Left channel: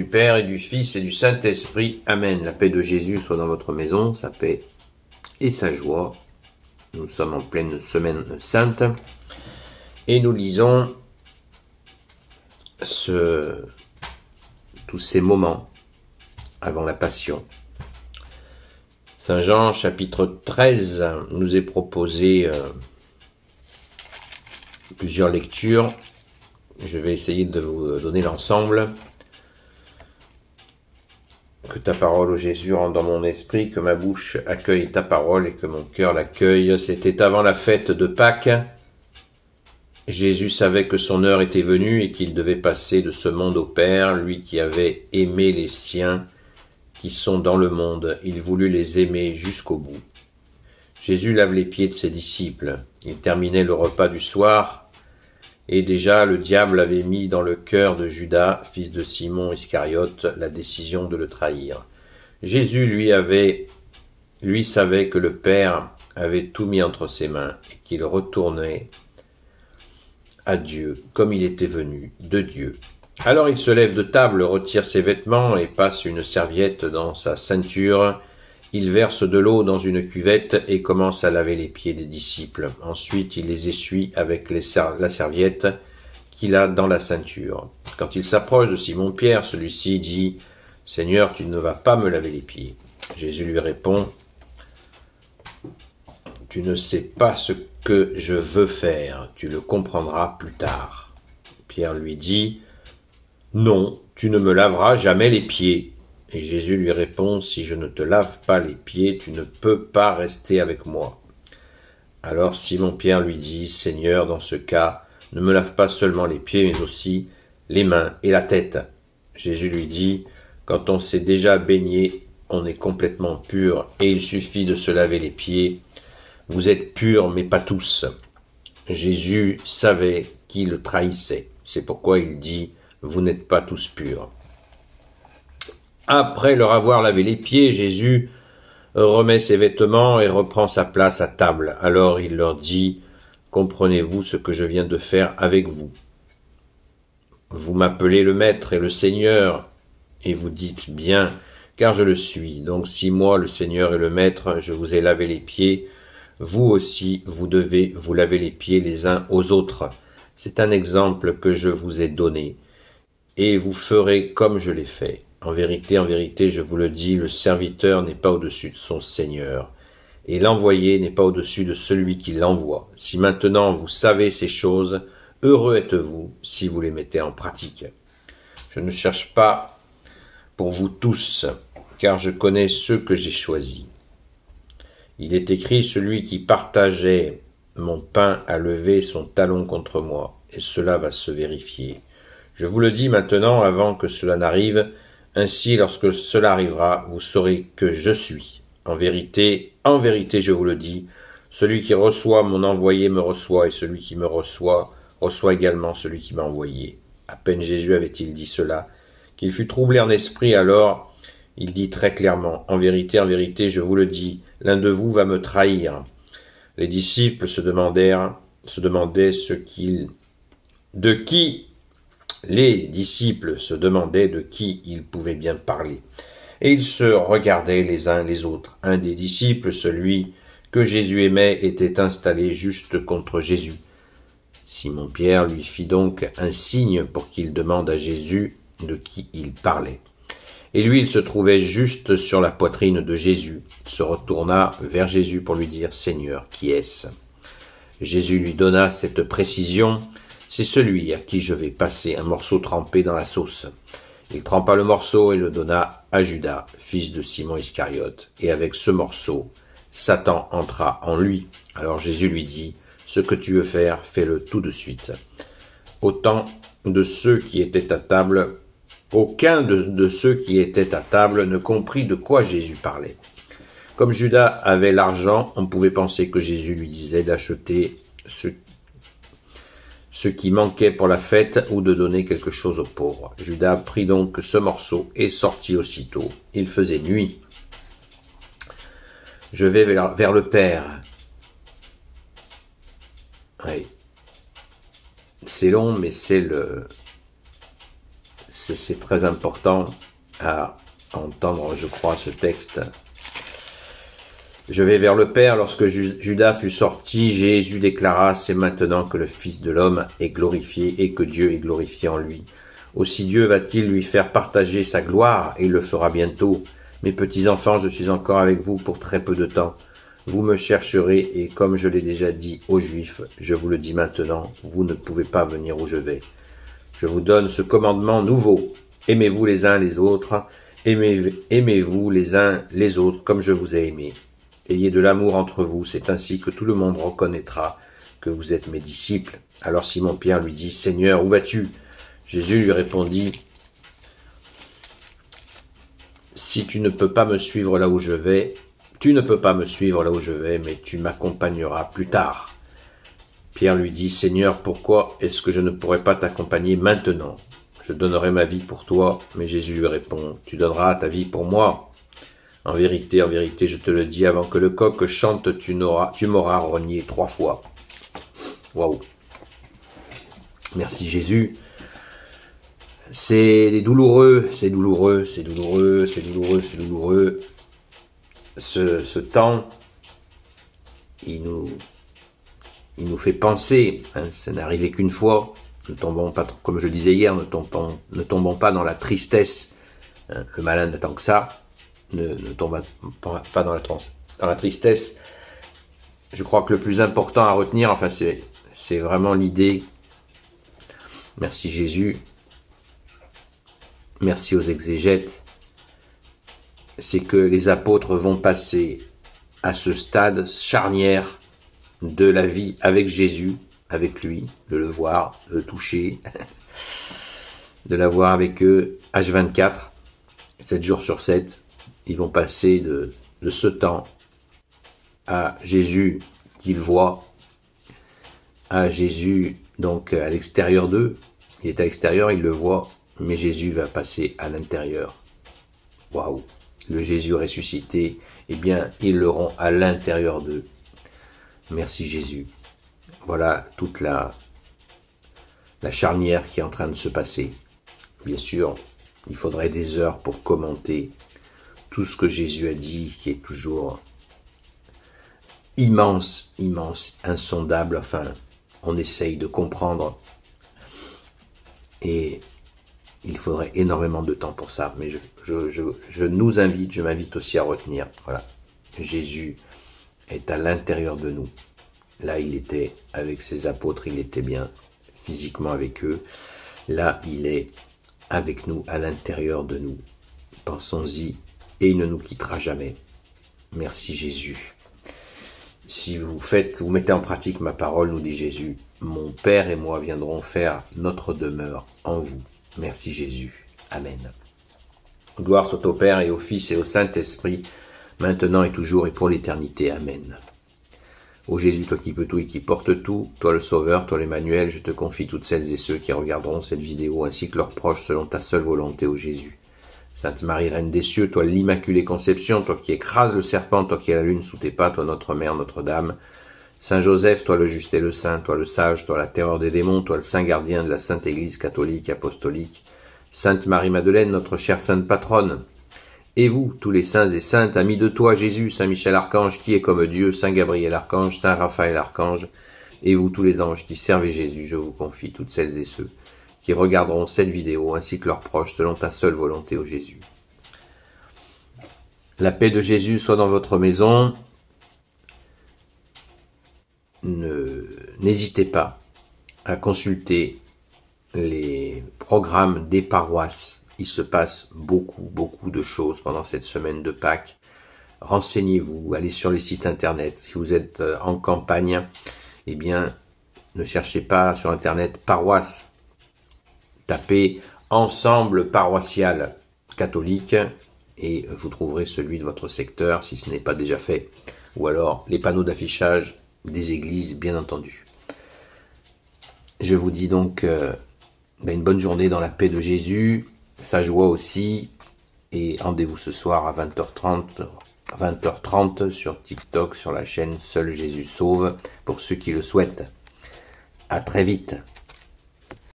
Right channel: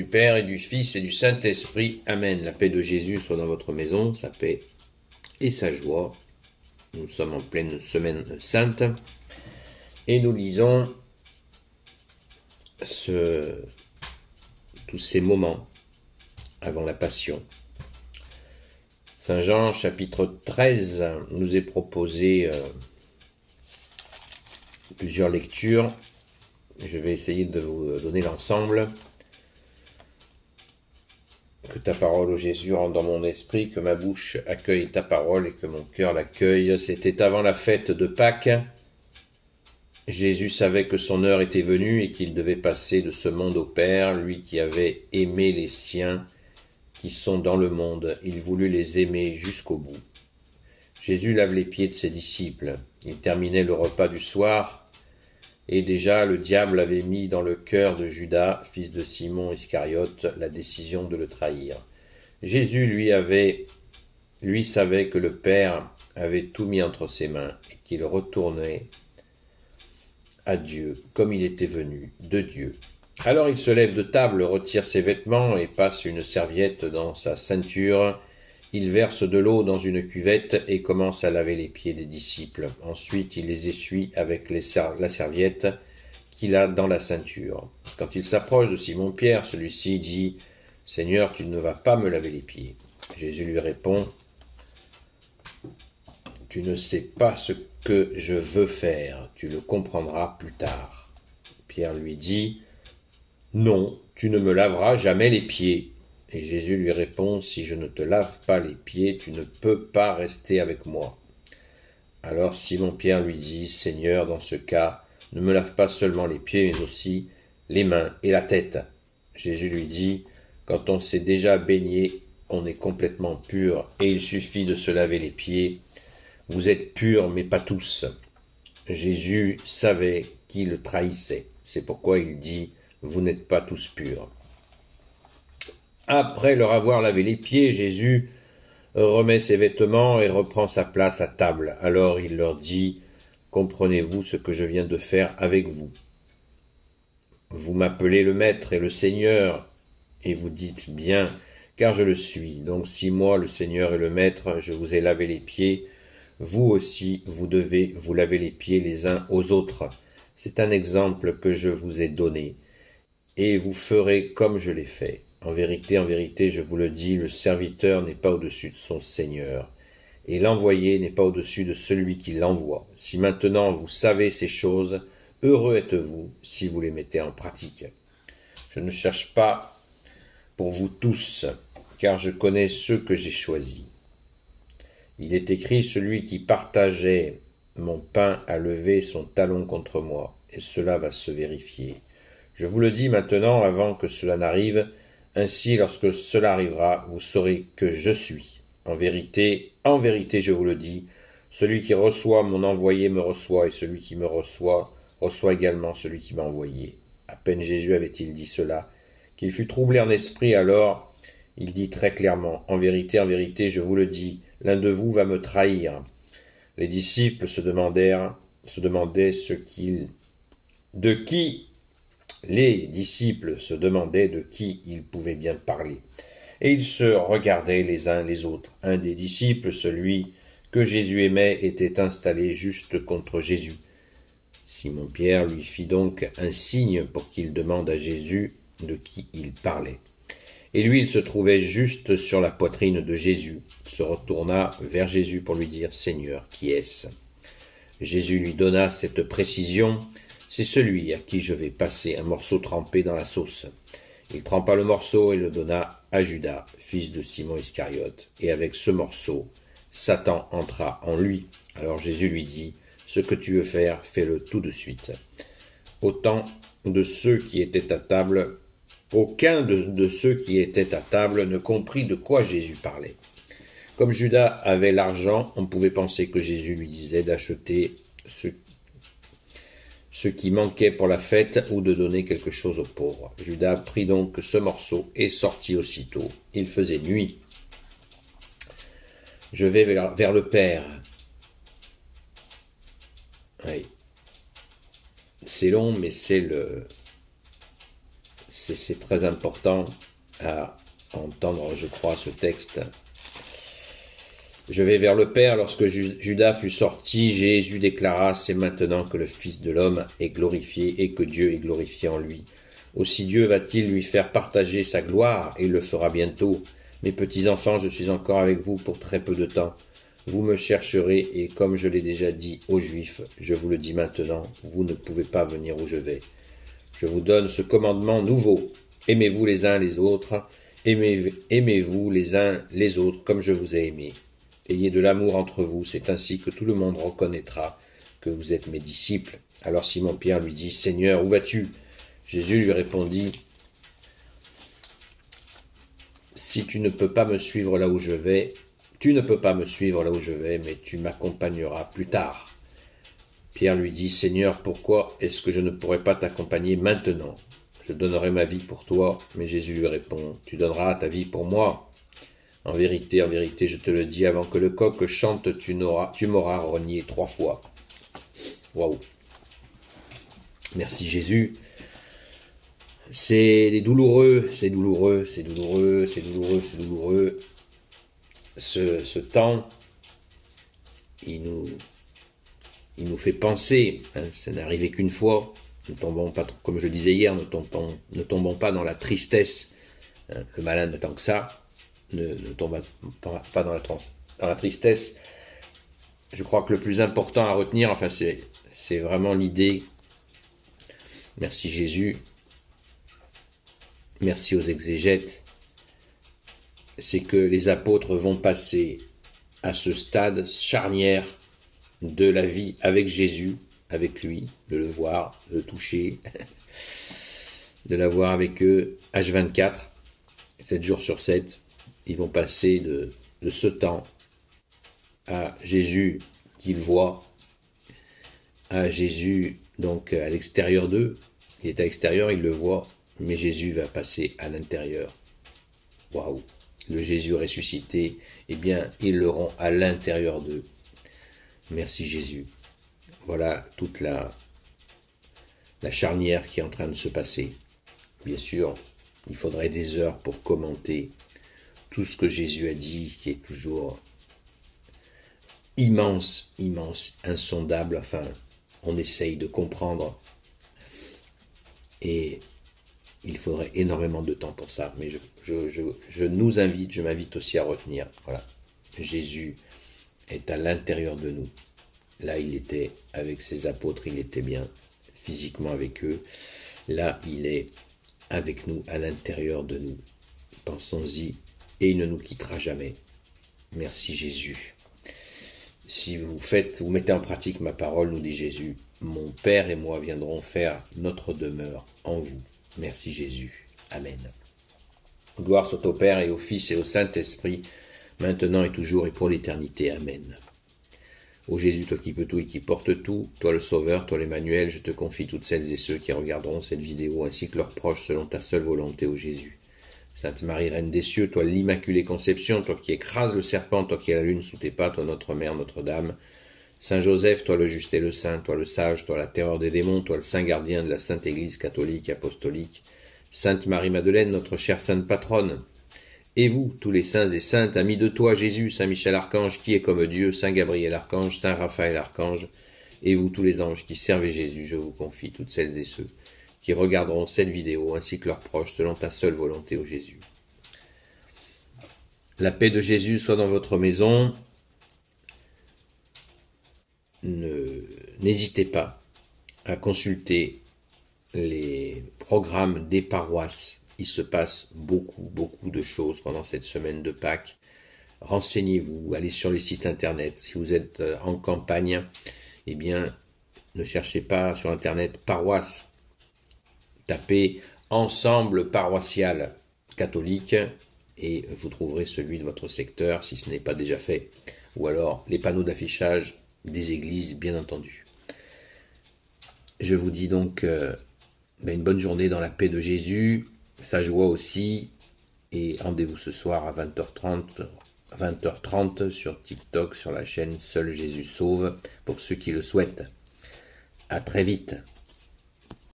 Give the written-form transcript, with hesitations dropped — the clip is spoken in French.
du Père et du Fils et du Saint-Esprit. Amen. La paix de Jésus soit dans votre maison, sa paix et sa joie. Nous sommes en pleine semaine sainte et nous lisons tous ces moments avant la Passion. Saint Jean, chapitre 13, nous est proposé plusieurs lectures. Je vais essayer de vous donner l'ensemble. Que ta parole, ô Jésus, rentre dans mon esprit, que ma bouche accueille ta parole et que mon cœur l'accueille. C'était avant la fête de Pâques. Jésus savait que son heure était venue et qu'il devait passer de ce monde au Père, lui qui avait aimé les siens qui sont dans le monde. Il voulut les aimer jusqu'au bout. Jésus lave les pieds de ses disciples. Il terminait le repas du soir. Et déjà, le diable avait mis dans le cœur de Judas, fils de Simon Iscariote, la décision de le trahir. Jésus, lui savait que le Père avait tout mis entre ses mains et qu'il retournait à Dieu, comme il était venu de Dieu. Alors il se lève de table, retire ses vêtements et passe une serviette dans sa ceinture. Il verse de l'eau dans une cuvette et commence à laver les pieds des disciples. Ensuite, il les essuie avec la serviette qu'il a dans la ceinture. Quand il s'approche de Simon-Pierre, celui-ci dit « Seigneur, tu ne vas pas me laver les pieds. » Jésus lui répond « Tu ne sais pas ce que je veux faire, tu le comprendras plus tard. » Pierre lui dit « Non, tu ne me laveras jamais les pieds. » Et Jésus lui répond, « Si je ne te lave pas les pieds, tu ne peux pas rester avec moi. » Alors Simon-Pierre lui dit, « Seigneur, dans ce cas, ne me lave pas seulement les pieds, mais aussi les mains et la tête. » Jésus lui dit, « Quand on s'est déjà baigné, on est complètement pur, et il suffit de se laver les pieds. Vous êtes purs, mais pas tous. » Jésus savait qui le trahissait. C'est pourquoi il dit, « Vous n'êtes pas tous purs. » Après leur avoir lavé les pieds, Jésus remet ses vêtements et reprend sa place à table. Alors il leur dit, « Comprenez-vous ce que je viens de faire avec vous? Vous m'appelez le Maître et le Seigneur, et vous dites bien, car je le suis. Donc si moi, le Seigneur et le Maître, je vous ai lavé les pieds, vous aussi, vous devez vous laver les pieds les uns aux autres. C'est un exemple que je vous ai donné, et vous ferez comme je l'ai fait. En vérité, je vous le dis, le serviteur n'est pas au-dessus de son Seigneur, et l'envoyé n'est pas au-dessus de celui qui l'envoie. Si maintenant vous savez ces choses, heureux êtes-vous si vous les mettez en pratique. Je ne cherche pas pour vous tous, car je connais ceux que j'ai choisis. Il est écrit, celui qui partageait mon pain a levé son talon contre moi, et cela va se vérifier. Je vous le dis maintenant, avant que cela n'arrive, ainsi, lorsque cela arrivera, vous saurez que je suis. En vérité, je vous le dis, celui qui reçoit mon envoyé me reçoit, et celui qui me reçoit également celui qui m'a envoyé. À peine Jésus avait-il dit cela, qu'il fut troublé en esprit, alors il dit très clairement, en vérité, je vous le dis, l'un de vous va me trahir. Les disciples se demandaient de qui il pouvait bien parler. Et ils se regardaient les uns les autres. Un des disciples, celui que Jésus aimait, était installé juste contre Jésus. Simon-Pierre lui fit donc un signe pour qu'il demande à Jésus de qui il parlait. Et lui, il se trouvait juste sur la poitrine de Jésus. Il se retourna vers Jésus pour lui dire « Seigneur, qui est-ce » Jésus lui donna cette précision. C'est celui à qui je vais passer un morceau trempé dans la sauce. Il trempa le morceau et le donna à Judas, fils de Simon Iscariote. Et avec ce morceau, Satan entra en lui. Alors Jésus lui dit, « Ce que tu veux faire, fais-le tout de suite. » Aucun de ceux qui étaient à table ne comprit de quoi Jésus parlait. Comme Judas avait l'argent, on pouvait penser que Jésus lui disait d'acheter ce qui manquait pour la fête ou de donner quelque chose aux pauvres. Judas prit donc ce morceau et sortit aussitôt. Il faisait nuit. Je vais vers le Père. Oui. C'est long, mais c'est c'est très important à entendre, je crois, ce texte. Je vais vers le Père. Lorsque Judas fut sorti, Jésus déclara, c'est maintenant que le Fils de l'homme est glorifié et que Dieu est glorifié en lui. Aussi Dieu va-t-il lui faire partager sa gloire, et il le fera bientôt. Mes petits enfants, je suis encore avec vous pour très peu de temps. Vous me chercherez, et comme je l'ai déjà dit aux Juifs, je vous le dis maintenant, vous ne pouvez pas venir où je vais. Je vous donne ce commandement nouveau. Aimez-vous les uns les autres, aimez-vous les uns les autres comme je vous ai aimés. Ayez de l'amour entre vous, c'est ainsi que tout le monde reconnaîtra que vous êtes mes disciples. Alors Simon-Pierre lui dit, Seigneur, où vas-tu? Jésus lui répondit, si tu ne peux pas me suivre là où je vais, mais tu m'accompagneras plus tard. Pierre lui dit, Seigneur, pourquoi est-ce que je ne pourrais pas t'accompagner maintenant? Je donnerai ma vie pour toi. Mais Jésus lui répond, tu donneras ta vie pour moi. En vérité, je te le dis, avant que le coq chante, tu m'auras renié 3 fois. Waouh! Merci Jésus. C'est douloureux. Ce temps, il nous fait penser, hein, ça n'est arrivé qu'une fois, ne tombons pas, comme je le disais hier, ne tombons pas dans la tristesse, hein, le malin n'attend que ça, ne tombe pas dans la tristesse. Je crois que le plus important à retenir, enfin c'est vraiment l'idée, merci Jésus, merci aux exégètes, c'est que les apôtres vont passer à ce stade charnière de la vie avec Jésus, avec lui, de le voir, de le toucher, de l'avoir avec eux, H24, 7 jours sur 7, ils vont passer de ce temps à Jésus qu'ils voient, à Jésus donc à l'extérieur d'eux, il est à l'extérieur, ils le voient, mais Jésus va passer à l'intérieur. Waouh! Le Jésus ressuscité, eh bien, ils l'auront à l'intérieur d'eux. Merci Jésus. Voilà toute la charnière qui est en train de se passer. Bien sûr, il faudrait des heures pour commenter tout ce que Jésus a dit, qui est toujours immense, insondable. Enfin, on essaye de comprendre. Et il faudrait énormément de temps pour ça. Mais je m'invite aussi à retenir. Voilà, Jésus est à l'intérieur de nous. Là, il était avec ses apôtres, il était bien physiquement avec eux. Là, il est avec nous, à l'intérieur de nous. Pensons-y, et il ne nous quittera jamais. Merci Jésus. Si vous mettez en pratique ma parole, nous dit Jésus, mon Père et moi viendrons faire notre demeure en vous. Merci Jésus. Amen. Gloire soit au Père et au Fils et au Saint-Esprit, maintenant et toujours et pour l'éternité. Amen. Ô Jésus, toi qui peux tout et qui portes tout, toi le Sauveur, toi l'Emmanuel, je te confie toutes celles et ceux qui regarderont cette vidéo, ainsi que leurs proches, selon ta seule volonté, ô Jésus. Sainte Marie, Reine des cieux, toi l'Immaculée Conception, toi qui écrases le serpent, toi qui as la lune sous tes pas, toi notre Mère, Notre-Dame. Saint Joseph, toi le juste et le saint, toi le sage, toi la terreur des démons, toi le saint gardien de la Sainte Église catholique, apostolique. Sainte Marie-Madeleine, notre chère sainte patronne. Et vous, tous les saints et saintes, amis de toi, Jésus, Saint Michel Archange, qui est comme Dieu, Saint Gabriel Archange, Saint Raphaël Archange, et vous, tous les anges qui servez Jésus, je vous confie toutes celles et ceux qui regarderont cette vidéo, ainsi que leurs proches, selon ta seule volonté, ô Jésus. La paix de Jésus soit dans votre maison. N'hésitez pas à consulter les programmes des paroisses. Il se passe beaucoup de choses pendant cette semaine de Pâques. Renseignez-vous, allez sur les sites internet. Si vous êtes en campagne, eh bien, ne cherchez pas sur internet paroisse. Tapez ensemble paroissial catholique et vous trouverez celui de votre secteur si ce n'est pas déjà fait. Ou alors les panneaux d'affichage des églises, bien entendu. Je vous dis donc une bonne journée dans la paix de Jésus, sa joie aussi, et rendez-vous ce soir à 20h30 sur TikTok, sur la chaîne Seul Jésus Sauve, pour ceux qui le souhaitent. À très vite.